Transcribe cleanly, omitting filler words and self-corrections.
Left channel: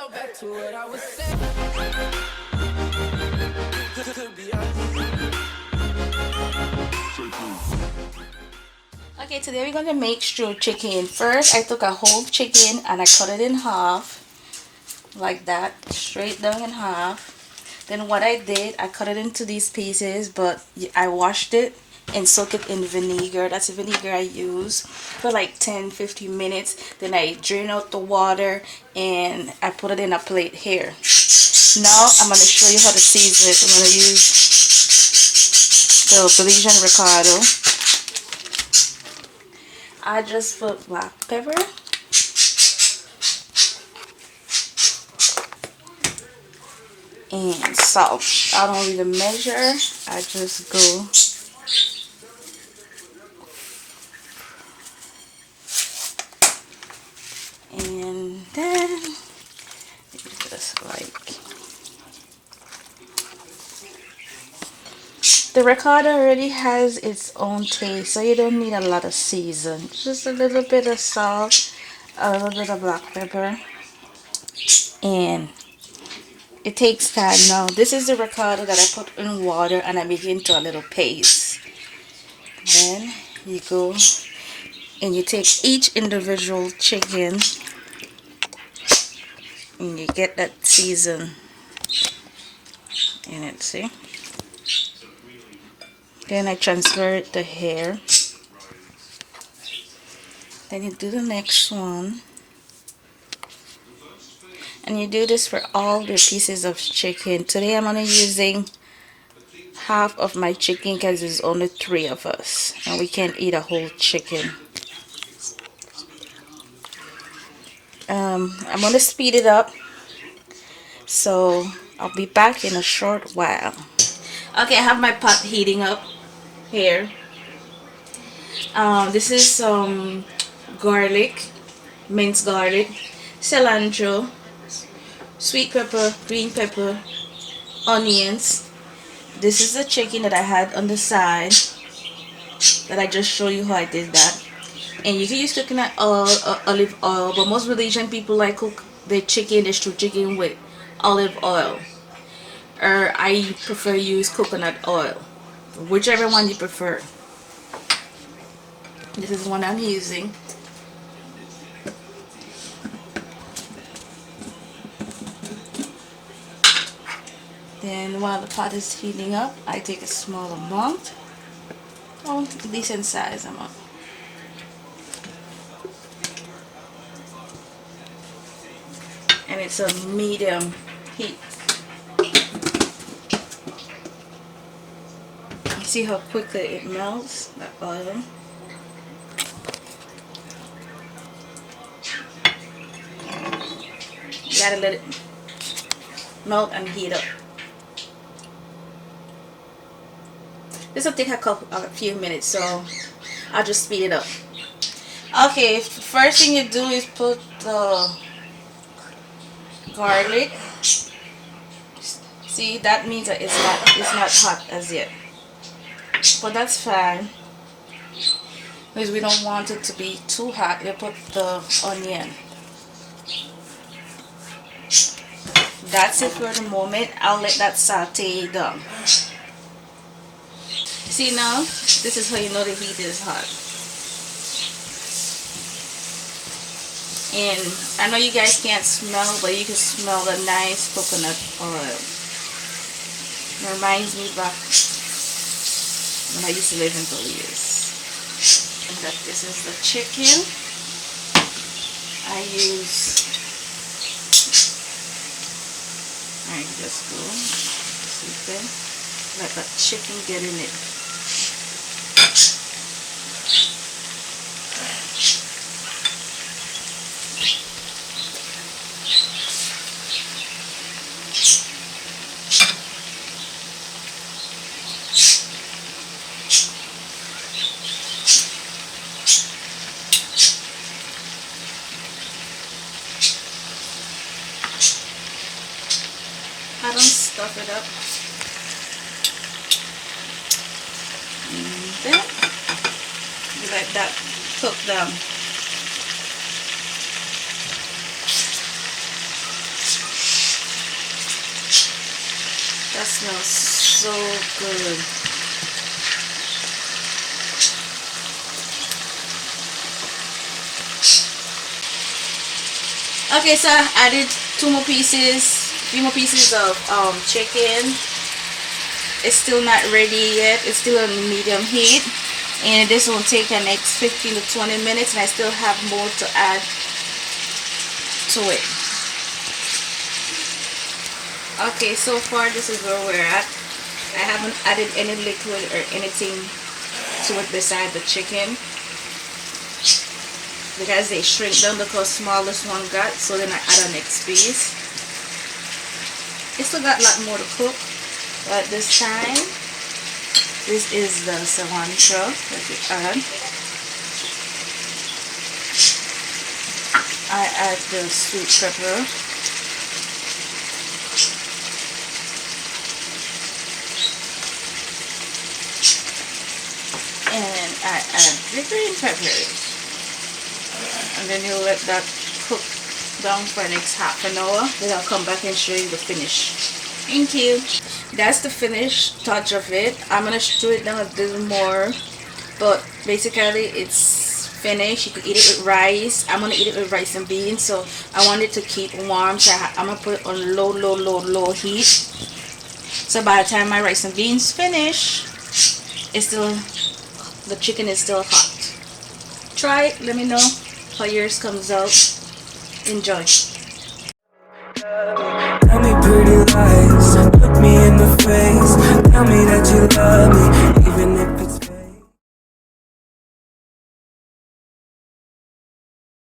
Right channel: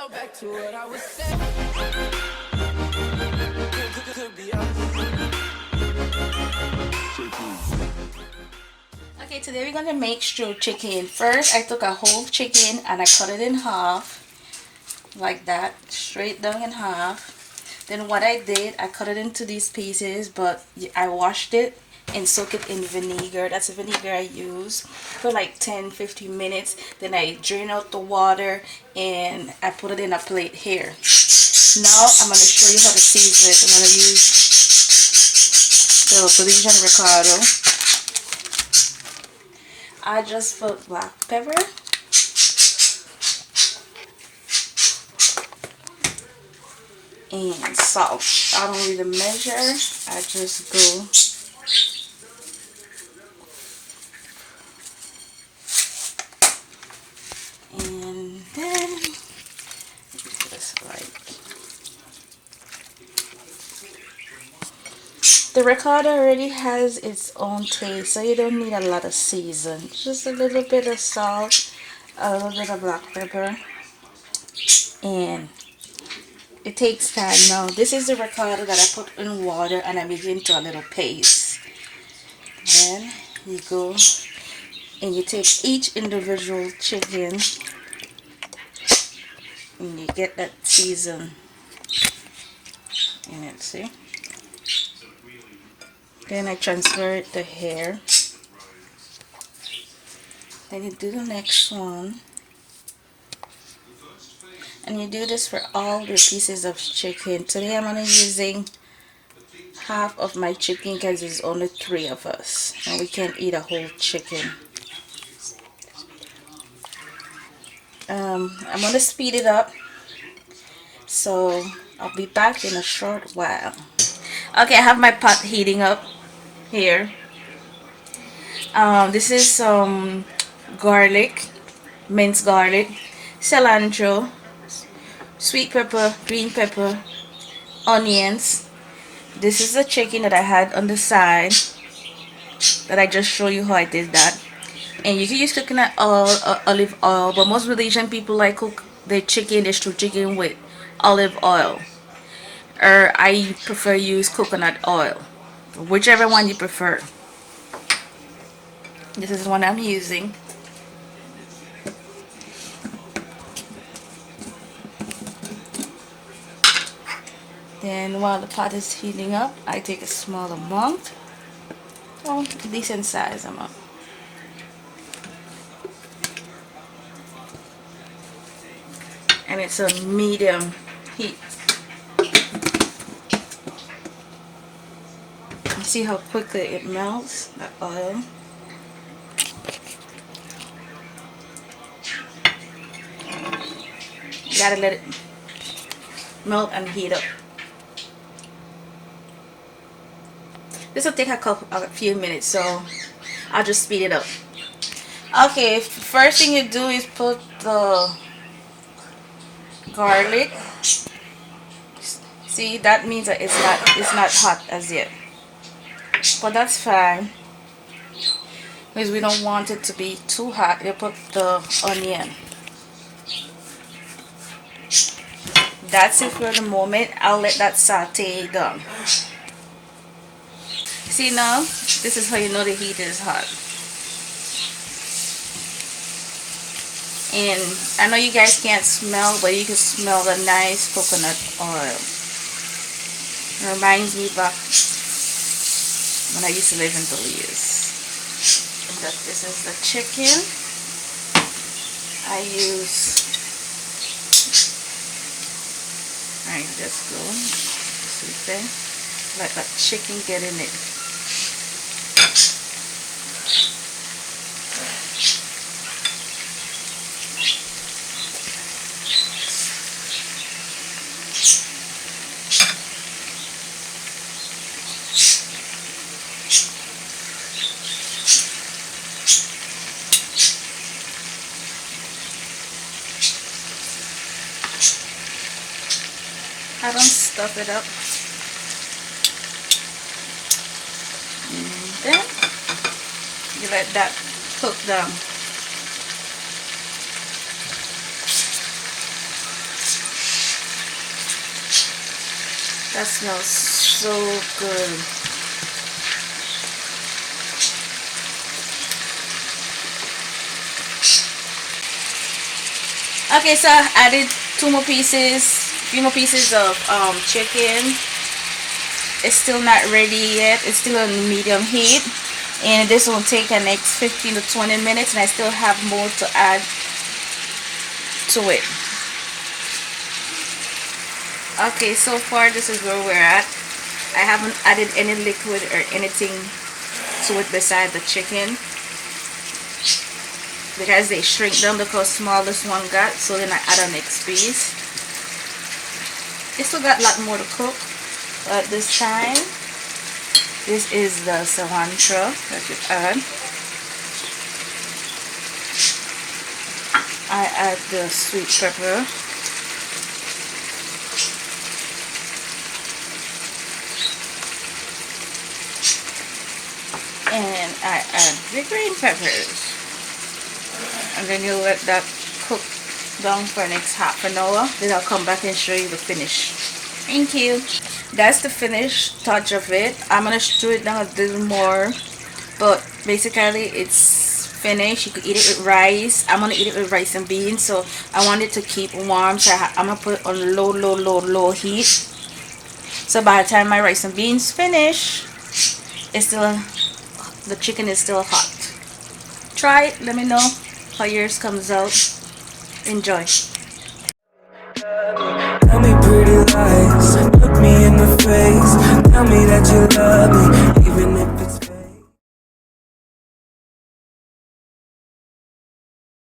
So back to what I was saying. Could be us. Okay, today we're gonna make stew chicken. First, I took a whole chicken and I cut it in half, like that, straight down in half. Then what I did, I cut it into these pieces, but I washed it and soak it in vinegar. That's the vinegar I use for like 10-15 minutes. Then I drain out the water and I put it in a plate here. Now I'm going to show you how to season it. I'm going to use the Belizean Ricardo. I just put black pepper, and salt. I don't really measure. I just go. And then just like the ricotta already has its own taste, so you don't need a lot of season. Just a little bit of salt, a little bit of black pepper, and it takes time. Now this is the ricotta that I put in water and I make it into a little paste. Then you go and you take each individual chicken and you get that season in it, see? Then I transfer it to here. Then you do the next one. And you do this for all the pieces of chicken. Today I'm only using half of my chicken because there's only 3 of us. And we can't eat a whole chicken. I'm going to speed it up. So I'll be back in a short while. Okay, I have my pot heating up here. This is some garlic, minced garlic, cilantro, sweet pepper, green pepper, onions. This is the chicken that I had on the side that I just showed you how I did that. And you can use coconut oil or olive oil, but most Malaysian people like cook their chicken, their stew chicken with olive oil. Or I prefer use coconut oil, whichever one you prefer. This is the one I'm using. Then while the pot is heating up, I take a small amount, oh, decent size amount. And it's a medium heat. See how quickly it melts, the oil. You gotta let it melt and heat up. This will take a few minutes, so I'll just speed it up. Okay, first thing you do is put the garlic. See, that means that it's not hot as yet, but that's fine because we don't want it to be too hot. You put the onion. That's it for the moment. I'll let that saute down. See now, this is how you know the heat is hot. And I know you guys can't smell, but you can smell the nice coconut oil. It reminds me back when I used to live in Belize. That this is the chicken. I just go see, let that chicken get in it. I don't stuff it up. And then you let that cook down. That smells so good. Okay, so I added few more pieces of chicken. It's still not ready yet. It's still on medium heat, and this will take the next 15 to 20 minutes, and I still have more to add to it. Okay, so far this is where we're at. I haven't added any liquid or anything to it besides the chicken, because they shrink down because smallest one got, so then I add a next piece. It still got a lot more to cook, but this time this is the cilantro that you add. I add the sweet pepper. And I add the green peppers. And then you let that cook down for the next half an hour. Then I'll come back and show you the finish. Thank you. That's the finished touch of it. I'm going to stir it down a little more. But basically it's finished. You could eat it with rice. I'm going to eat it with rice and beans. So I want it to keep warm. So I'm going to put it on low heat. So by the time my rice and beans finish, it's still... the chicken is still hot. Try it. Let me know how yours comes out. Enjoy. Tell me pretty lies, look me in the face. Tell me that you love me, even if it's